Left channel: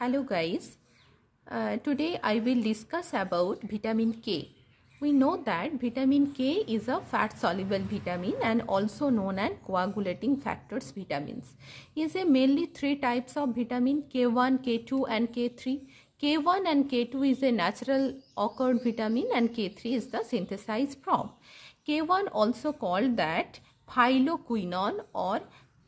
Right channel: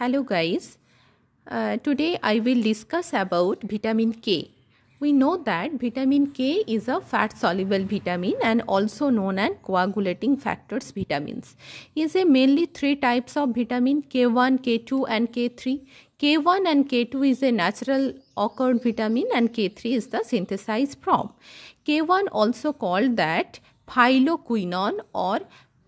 Hello guys, today I will discuss about vitamin K. We know that vitamin K is a fat soluble vitamin and also known as coagulating factors vitamins. Is a mainly three types of vitamin K1, K2 and K3. K1 and K2 is a natural occurred vitamin and K3 is the synthesized from. K1 also called that phyloquinone or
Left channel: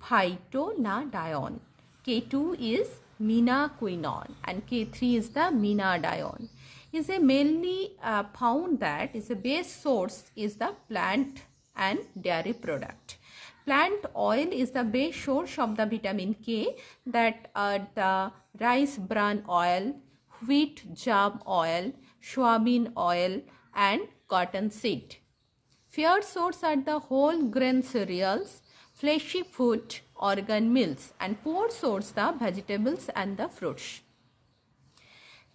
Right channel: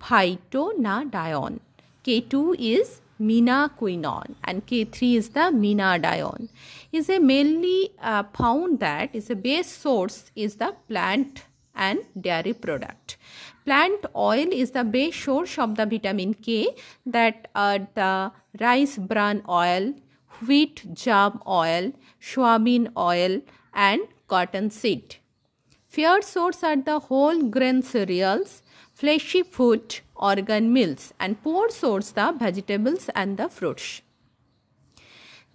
phytonadione. K2 is minaquinone and K3 is the minadione. Is a mainly found that is a base source is the plant and dairy product. Plant oil is the base source of the vitamin K, that are the rice bran oil, wheat germ oil, soybean oil and cotton seed. Fair source are the whole grain cereals, fleshy food, organ meals, and poor source the vegetables and the fruits.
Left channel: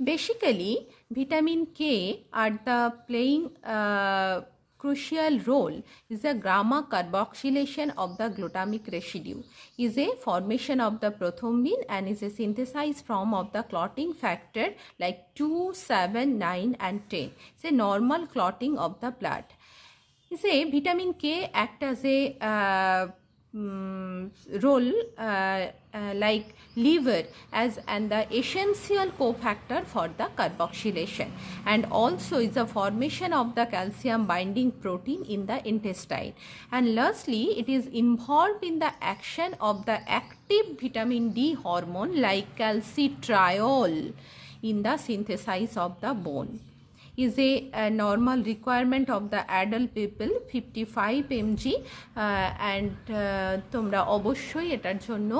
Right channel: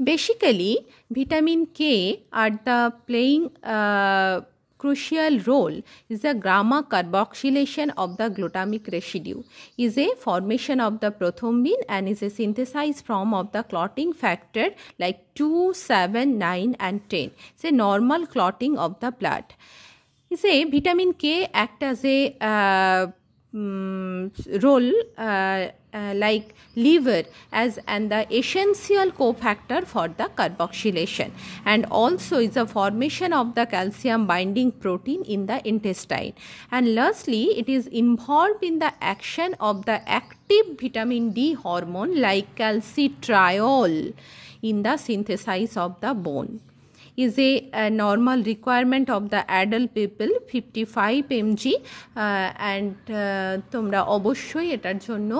Basically, vitamin K are the playing crucial role is the gamma carboxylation of the glutamic residue, is a formation of the prothrombin and is a synthesized form of the clotting factor like 2, 7, 9 and 10. It's a normal clotting of the blood. Is a vitamin K act as a role like liver as and the essential cofactor for the carboxylation, and also is a formation of the calcium binding protein in the intestine, and lastly it is involved in the action of the active vitamin D hormone like calcitriol in the synthesis of the bone. Is a normal requirement of the adult people 55 mg and তোমরা অবশ্যই এটার জন্য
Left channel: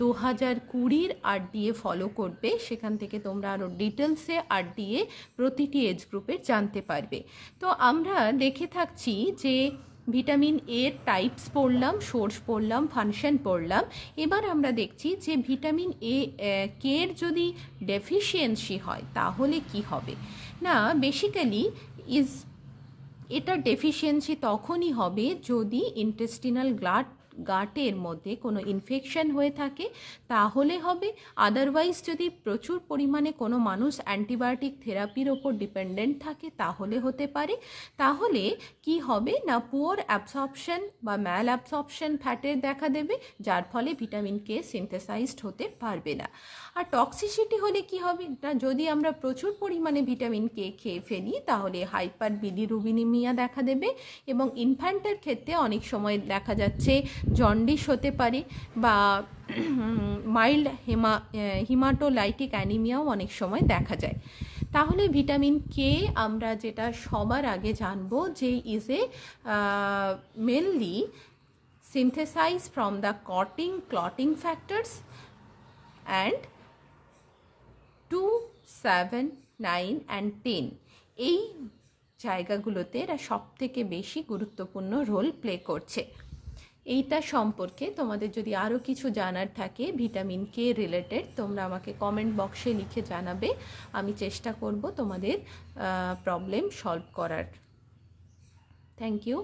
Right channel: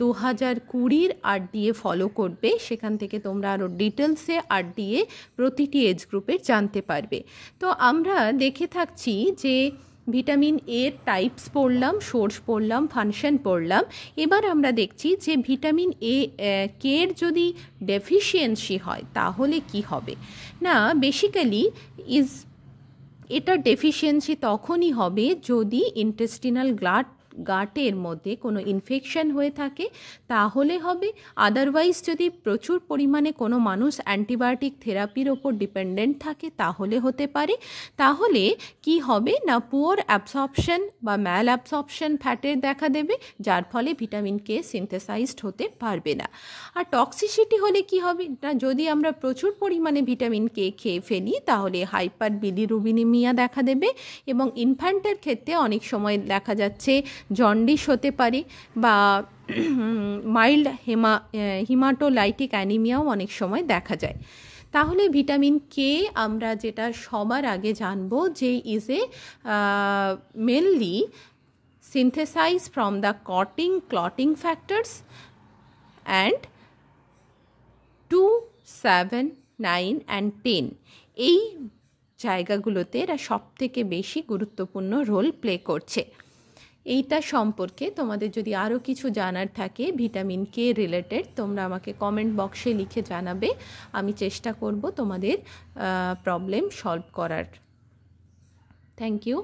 2020 RDA follow করবে, সেখান থেকে তোমরা আরো ডিটেইলসে RDA প্রতিটি এজ গ্রুপের জানতে পারবে। তো আমরা দেখে থাকছি যে ভিটামিন এর টাইপস পড়লাম, সোর্স পড়লাম, ফাংশন পড়লাম। এবার আমরা দেখছি যে ভিটামিন কে এর যদি ডেফিসিয়েন্সি হয় তাহলে কি হবে। না, বেসিক্যালি এটার ডেফিসিয়েন্সি তখনই হবে যদি ইন্টেস্টিনাল গাটের মধ্যে কোনো ইনফেকশন হয়ে থাকে তাহলে হবে। আদারওয়াইজ যদি প্রচুর পরিমাণে কোনো মানুষ অ্যান্টিবায়োটিক থেরাপির ওপর ডিপেন্ডেন্ট থাকে তাহলে হতে পারে। তাহলে কি হবে না, পুয়ার অ্যাবসর্পশন বা ম্যাল অ্যাবসর্পশন ফ্যাটের দেখা দেবে, যার ফলে ভিটামিন কে সিনথেসাইজড হতে পারবে না। আর টক্সিসিটি হলে কি হবে না, যদি আমরা প্রচুর পরিমাণে ভিটামিন কে খেয়ে ফেলি তাহলে হাইপার বিলিরুবিনেমিয়া দেখা দেবে, এবং ইনফ্যান্টের ক্ষেত্রে অনেক সময় দেখা যাচ্ছে জন্ডিস হতে পারে বা মাইল্ড হিমাটোলাইটিক অ্যানিমিয়াও অনেক সময় দেখা যায়। তাহলে ভিটামিন কে আমরা যেটা সবার আগে জানবো যে is a mainly synthesise from the clotting factors and 2, 7, 9 and 10 এই জায়গাগুলোতে এরা সবথেকে বেশি গুরুত্বপূর্ণ রোল প্লে করছে। এইটা সম্পর্কে তোমাদের যদি আরও কিছু জানার থাকে ভিটামিন কে রিলেটেড, তোমরা আমাকে কমেন্ট বক্সে লিখে জানাবে, আমি চেষ্টা করব তোমাদের প্রবলেম সলভ করার। Thank you.